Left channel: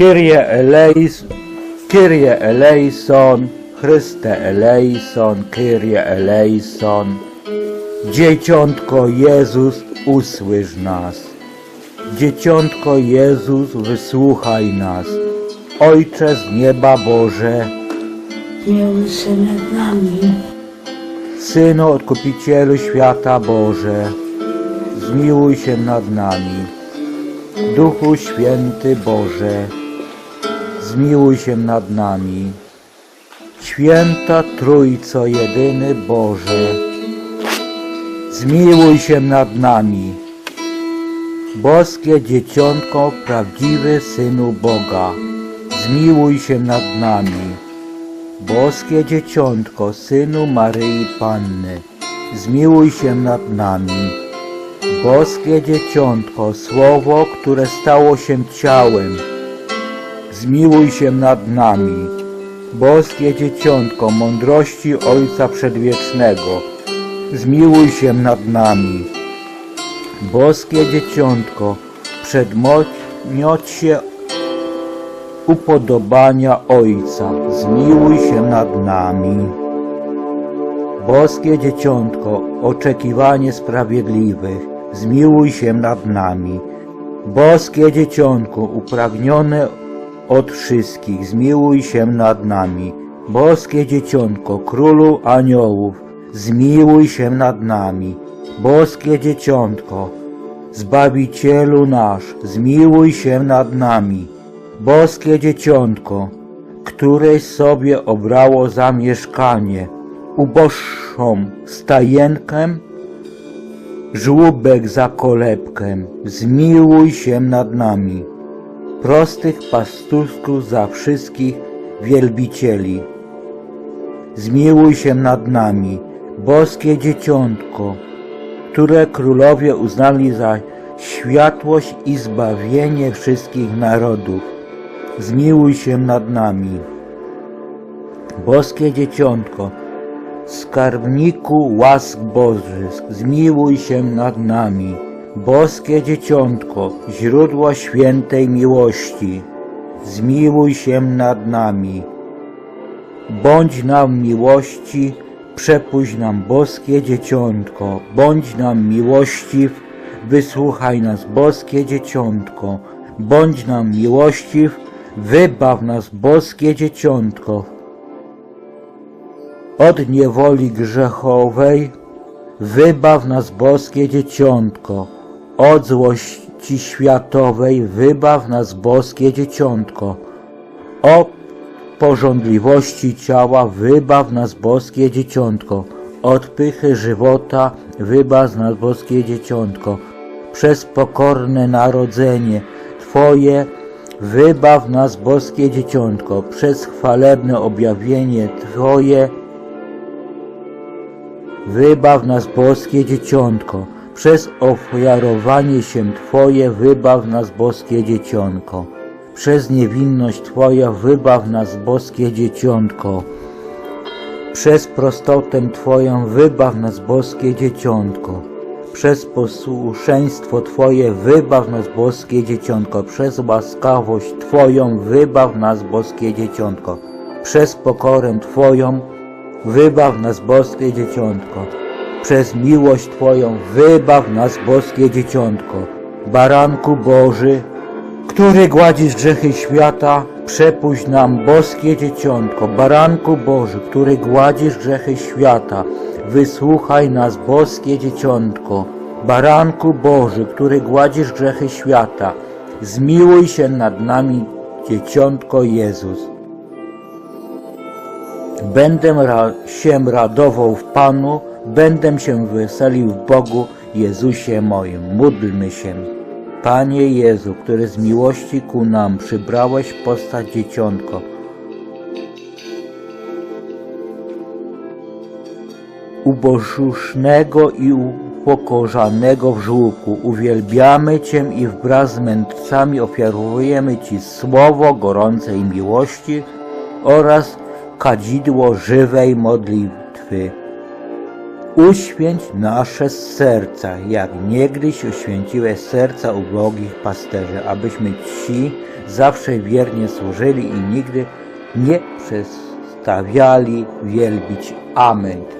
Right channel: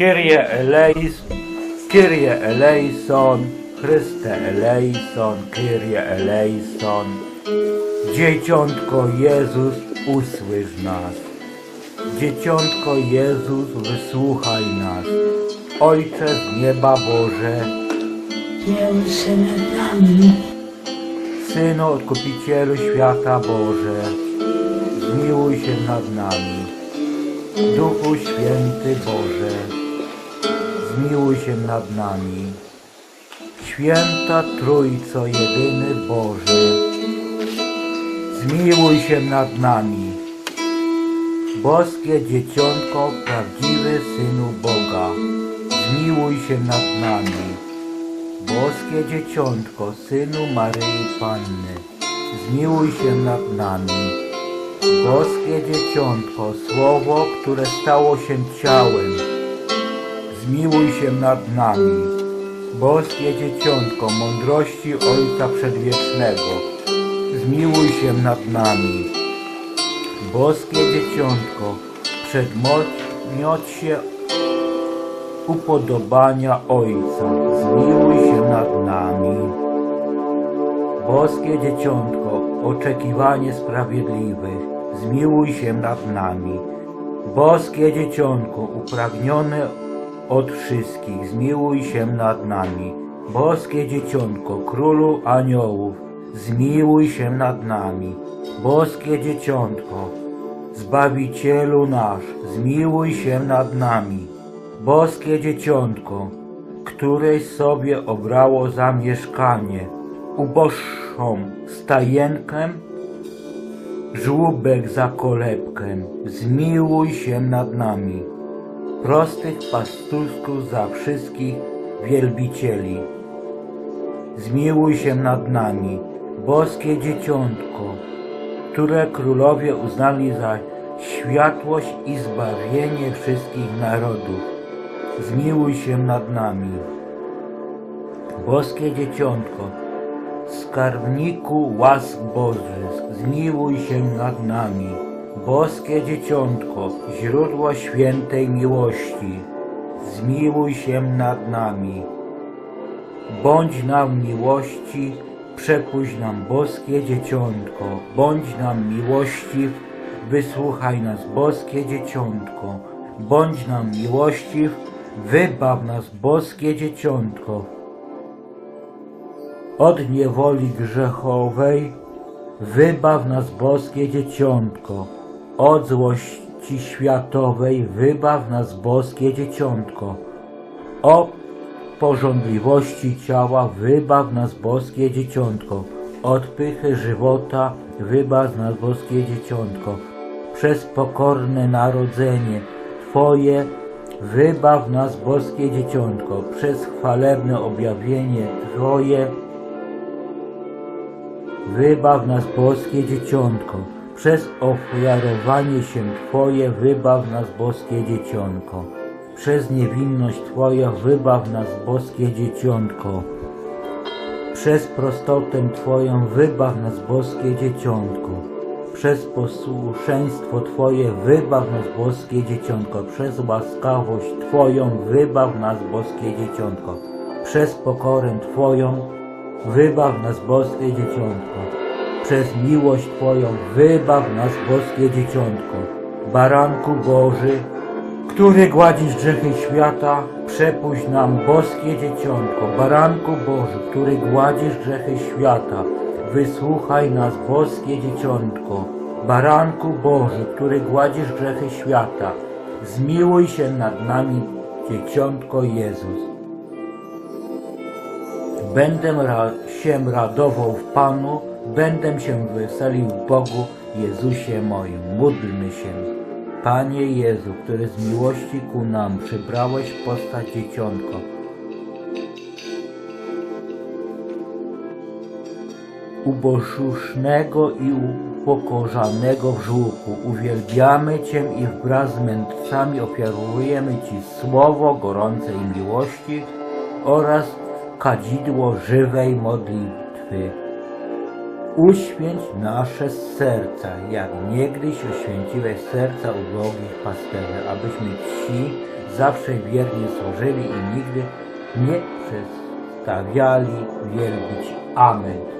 Kyrie eleis, Kyrie eleison, Chryste eleison, Kyrie eleison. Dzieciątko Jezus, usłysz nas. Dzieciątko Jezus, wysłuchaj nas. Ojcze z nieba Boże, miłuj się nad nami, Synu Odkupicielu świata Boże, zmiłuj się nad nami. Duchu Święty Boże, zmiłuj się nad nami. Święta Trójco Jedyny Boże, zmiłuj się nad nami. Boskie Dzieciątko, prawdziwy Synu Boga, zmiłuj się nad nami. Boskie Dzieciątko, Synu Maryi Panny, zmiłuj się nad nami. Boskie Dzieciątko, Słowo, które stało się ciałem, zmiłuj się nad nami. Boskie Dzieciątko, mądrości Ojca Przedwiecznego, zmiłuj się nad nami. Boskie Dzieciątko, przedmiocie upodobania Ojca, zmiłuj się nad nami. Boskie Dzieciątko, oczekiwanie sprawiedliwych, zmiłuj się nad nami. Boskie Dzieciątko, upragnione od wszystkich, zmiłuj się nad nami. Boskie Dzieciątko, Królu Aniołów, zmiłuj się nad nami. Boskie Dzieciątko, Zbawicielu nasz, zmiłuj się nad nami. Boskie Dzieciątko, któreś sobie obrało za mieszkanie, uboższą stajenkę, żłóbek za kolebkę, zmiłuj się nad nami. Prostych pastuszków za wszystkich wielbicieli, zmiłuj się nad nami. Boskie Dzieciątko, które królowie uznali za światłość i zbawienie wszystkich narodów, zmiłuj się nad nami. Boskie Dzieciątko, skarbniku łask bożych, zmiłuj się nad nami. Boskie Dzieciątko, źródło świętej miłości, zmiłuj się nad nami. Bądź nam miłości, przepuść nam boskie dzieciątko, bądź nam miłościw, wysłuchaj nas boskie dzieciątko, bądź nam miłościw, wybaw nas boskie dzieciątko. Od niewoli grzechowej, wybaw nas boskie dzieciątko, od złości światowej, wybaw nas boskie dzieciątko, o porządliwości ciała, wybaw nas boskie dzieciątko. Od pychy żywota, wybaw nas boskie dzieciątko. Przez pokorne narodzenie Twoje, wybaw nas boskie dzieciątko. Przez chwalebne objawienie Twoje, wybaw nas boskie dzieciątko. Przez ofiarowanie się Twoje, wybaw nas boskie dzieciątko. Przez niewinność Twoja wybaw nas, boskie dzieciątko. Przez prostotę Twoją wybaw nas, boskie dzieciątko. Przez posłuszeństwo Twoje wybaw nas, boskie dzieciątko. Przez łaskawość Twoją wybaw nas, boskie dzieciątko. Przez pokorę Twoją wybaw nas, boskie dzieciątko. Przez miłość Twoją wybaw nas, boskie dzieciątko. Baranku Boży, który gładzisz grzechy świata, przepuść nam boskie dzieciątko, baranku Boży, który gładzisz grzechy świata, wysłuchaj nas boskie dzieciątko, baranku Boży, który gładzisz grzechy świata, zmiłuj się nad nami, dzieciątko Jezus. Będę ra się radował w Panu, będę się weselił w Bogu, Jezusie moim. Módlmy się. Panie Jezu, który z miłości ku nam przybrałeś postać dzieciątko, ubożusznego i upokorzanego w żółku, uwielbiamy Cię i wraz z mędrcami ofiarujemy Ci słowo gorącej miłości oraz kadzidło żywej modlitwy. Uświęć nasze serca, jak niegdyś uświęciłeś serca ubogich pasterzy, abyśmy Ci zawsze wiernie służyli i nigdy nie przestawiali wielbić. Amen.